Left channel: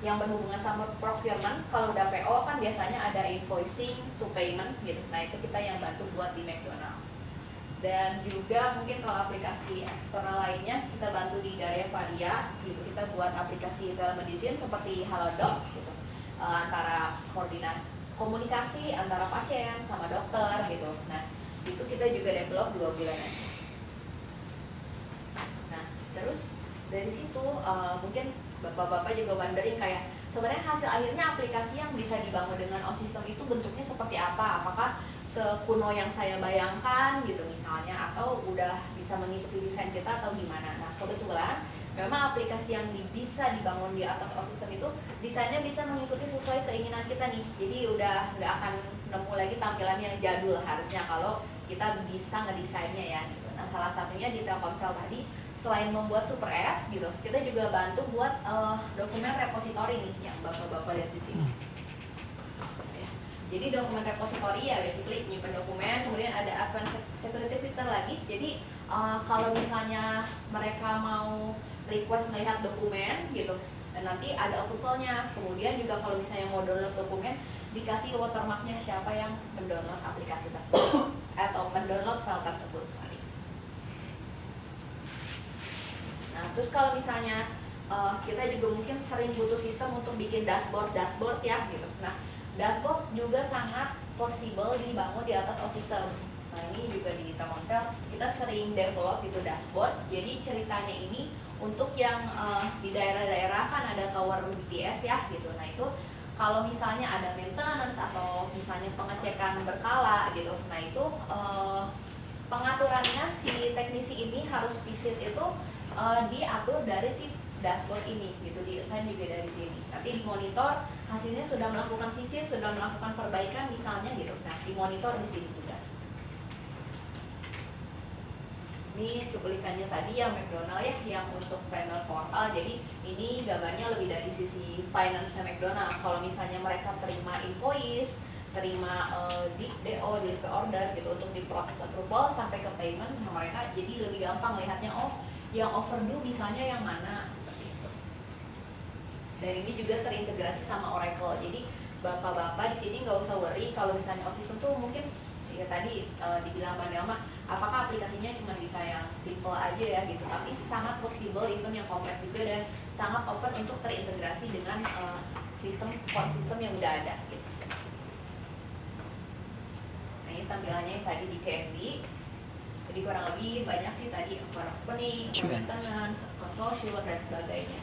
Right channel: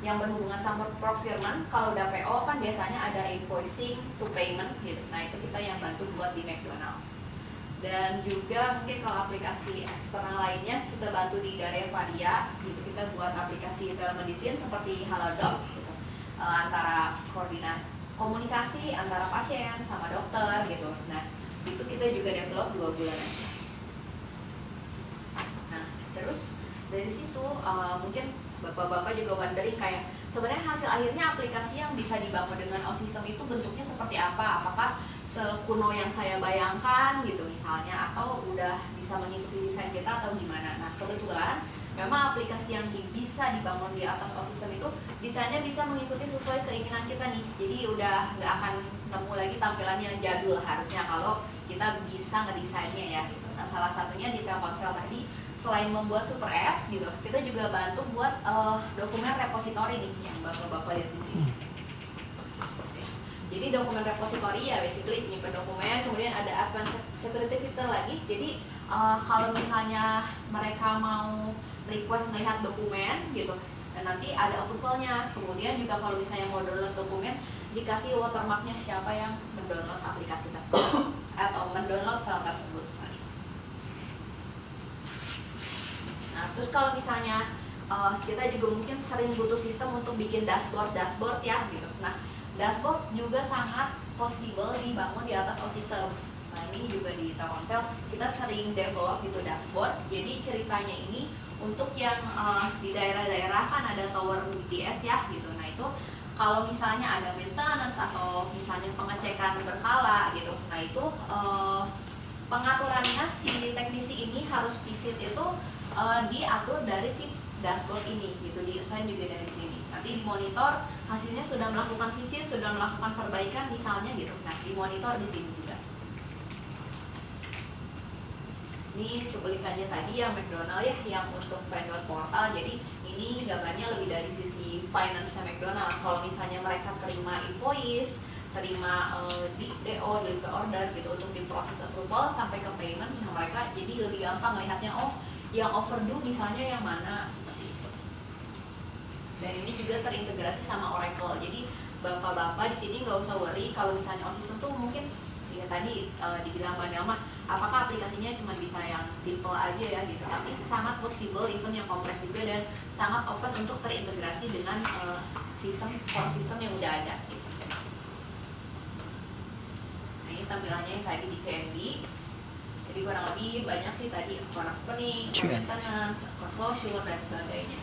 yang berhubungan sama procurement. Kalau udah PO kan biasanya ada invoicing to payment gitu. Nah itu kita yang bantu buat di McDonald's. Dan juga mungkin kalau aplikasi eksternal lainnya kita bantu di dari Varia gitu. Kita buat aplikasi telemedicine seperti Halodoc gitu, antara komunikasi antara pasien sama dokter gitu. Nah itu kita juga develop 2 bulan aja. Nah terus dari situ mungkin bapak-bapak juga wondering kayak sebenarnya hasil akhirnya aplikasi yang bisa dibangun dengan OSystem itu bentuknya seperti apa? Apakah sekuno yang saya bayangkan gitu misalnya, atau udah bisa mengikuti desain kita atau gimana? Nah kebetulan memang aplikasi yang bisa dibangun di atas OSystem itu desainnya bisa mengikuti sesuai keinginan kita nih. Jadi udah nggak akan nemu lagi tampilan yang jadul harusnya kalau kita bisa ngedesainnya ya gitu. Nah salah satunya di Telkomsel tadi, selain membuat super apps gitu, kita juga bantu buat dokumen repository nih yang bapak-bapak lihat di sini. Jadi dokumen repository ya basically nyimpen dokumen, kemudian ada advanced security feature lagi. Jadi kalau misalnya mereka mau request melihat dokumen gitu, dan nanti ada approvalnya. Kemudian juga kalau misalnya mau download dokumen, dikasih watermarknya siapa yang mendownload aplikasi tersebut atau mendownload file tersebut. Nah terus kalau misalnya kita juga mungkin sering butuh sistem untuk bikin dashboard ya gitu. Nah dashboard juga sangat possible dibangun di atas OSystem. Nah ini juga di Telkomsel kita sering develop gitu dashboard. Jadi ceritanya ini untuk yang di daerah-daerah kan ada tower BTS ya gitu. Nah itu kalau misalnya ada maintenance atau misalnya pengecekan berkala gitu, nah itu pengaturannya si teknisi ini harus visit itu diatur dari si dashboard ini gitu, di-assign juga dari sini. Nanti dimonitor hasilnya sudah melakukan visit, sudah melakukan perbaikan misalnya gitu. Nah, dimonitor di sini juga. Ini cuplikannya tadi yang McDonald ya, yang untuk vendor portal. Jadi ini gambarnya lebih dari sisi finance McDonald. Kalau misalnya mereka terima invoice, terima DO, delivery order gitu untuk diproses approval sampai ke payment, mereka jadi lebih gampang melihatnya, oh yang overdue misalnya yang mana. Dan ini juga terintegrasi sama Oracle. Jadi bapak-bapak di sini nggak usah worry kalau misalnya OSystem tuh mungkin ya tadi dibilang Mbak Nelma, apakah aplikasinya cuma bisa yang simple aja ya gitu. Tapi sangat possible even yang kompleks juga, dan sangat open untuk terintegrasi dengan core system yang udah ada gitu. Nah ini tampilannya yang tadi di KNB. Jadi kurang lebih banyak sih tadi, account opening, maintenance, closure dan sebagainya.